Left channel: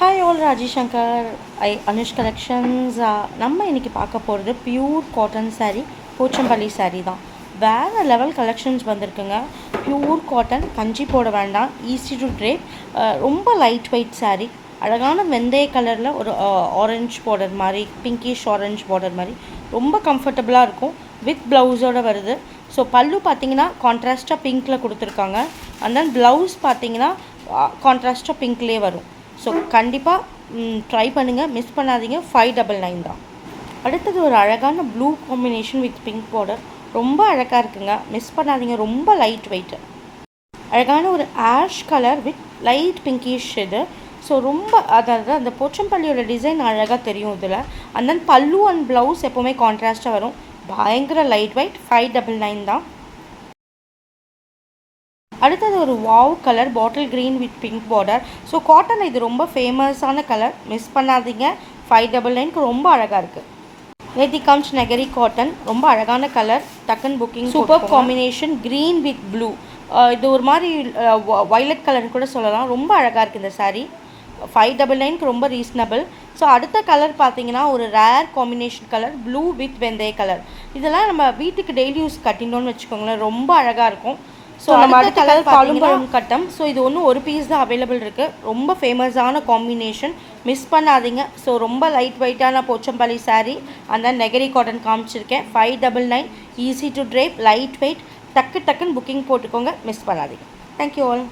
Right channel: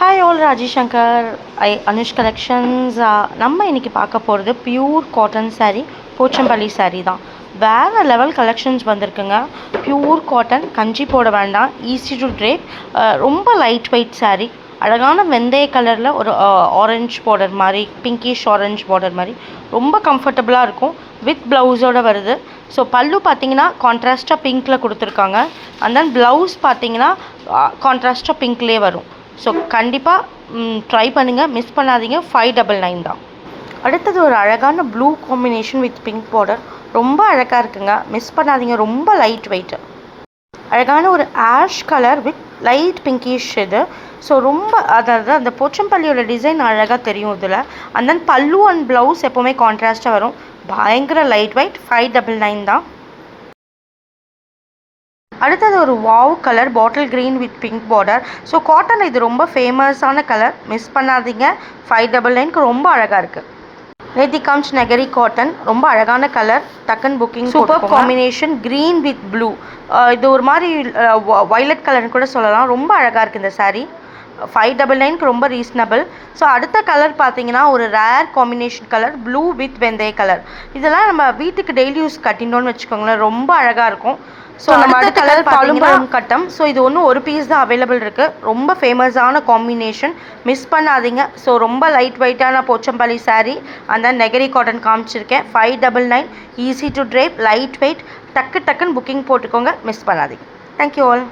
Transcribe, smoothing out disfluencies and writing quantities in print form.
Hi all Rajeshankar Anush collections. நம்ம இன்றைக்கி பார்க்க போகிறது pure cotton saree, Pochampally saree தான். வேறு லெவல் கலெக்ஷன்ஸ் வந்திருக்குங்க. பியூர் காட்டன், கஞ்சி போட வேண்டாம், ஈஸி டு ட்ரேப், ரொம்ப லைட் வெயிட் saree. அழகான வெந்தய கலரில் ஒரு ஆரஞ்ச் பார்டர் மாதிரி, பிங்கிஷ் ஆரஞ்ச் பார்டர் மாதிரி ரொம்ப கம்ஃபர்டபுளாக இருக்கும். வித் ப்ளவுஸோடு வருது. ஸோ பல்லு பார்த்தீங்கன்னா கான்ட்ராஸ்ட்டாக பிங்க்கில் கொடுத்துருக்காங்க. அண்ட் தென் ப்ளவுஸ் பார்த்தீங்கன்னா கான்ட்ராஸ்ட்டாக பிங்க்லேயே வரும். ஸோ கண்டிப்பாக ட்ரை பண்ணுங்கள், மிஸ் பண்ணாதீங்க. 599 தான். அடுத்தது ஒரு அழகான blue combination with pink border, ரொம்ப அழகாக இருக்குங்க, மிஸ் பண்ணாதீங்க. ரொம்ப லைட் வெயிட்டு, அழகான ஒரு ash colour with light pinkish இது. ஸோ ரொம்ப அதாவது அந்த போச்சம்பள்ளியோட டிசைன் அழகாக தெரியும் இதில். அண்ட் தென் பல்லு அண்ட் ப்ளவுஸ் எப்போவுமே கான்ட்ராஸ்ட்டாக வரும். பயங்கர லைட் வெயிட், 599 தான். அடுத்தது ஒரு wow colour, bottle green with pink border. So cotton இது ரொம்ப ஃபேமஸான கலர், மிஸ் பண்ணாதீங்க. 599க்கு ரொம்ப அழகாக இருக்குது. நேத்தி காம்ச் நெகரி காட்டன், ரொம்ப அழகான கலர், டக்குன்னு booking. Super combination, green with blue. இது ஒரு மாதிரி வயலட் கலர்னு கூட சொல்லலாம். ரொம்ப அழகாக இருக்குது இந்த saree. 599க்கு ரொம்ப ரீசனபிள். ஸோ அடுத்த கலர் பார்த்தீங்கன்னா ஒரு rare combination colour, blue with வெந்தய கலர். இதெல்லாம் நம்ம வீட்டுக்கு டெய்லி யூஸ் கட்டினோன்னு வச்சுக்கோங்களேன், ரொம்ப அழகாக இருக்கும். ஸோ நம்ம அடுத்த கலர் பாலும் கட்டம். ஸோ இது ஒன்றும் ஒரு பீஸ் தான் அவைலபிள் இருக்குது. ரொம்ப ஃபேமஸான காம்பினேஷன், மிஸ் பண்ணாதீங்க. ஸோ ரொம்ப லைட் வெயிட்டான போச்சம்பள்ளி saree, அந்த நெகரி காட்டன் காமிச்சிருக்கேன். 599, easy to drape, light weight. டக்குன்னு புக்கிங் போட்டுக்கோங்க, மிஸ் பண்ணாதீங்க. Thank you all.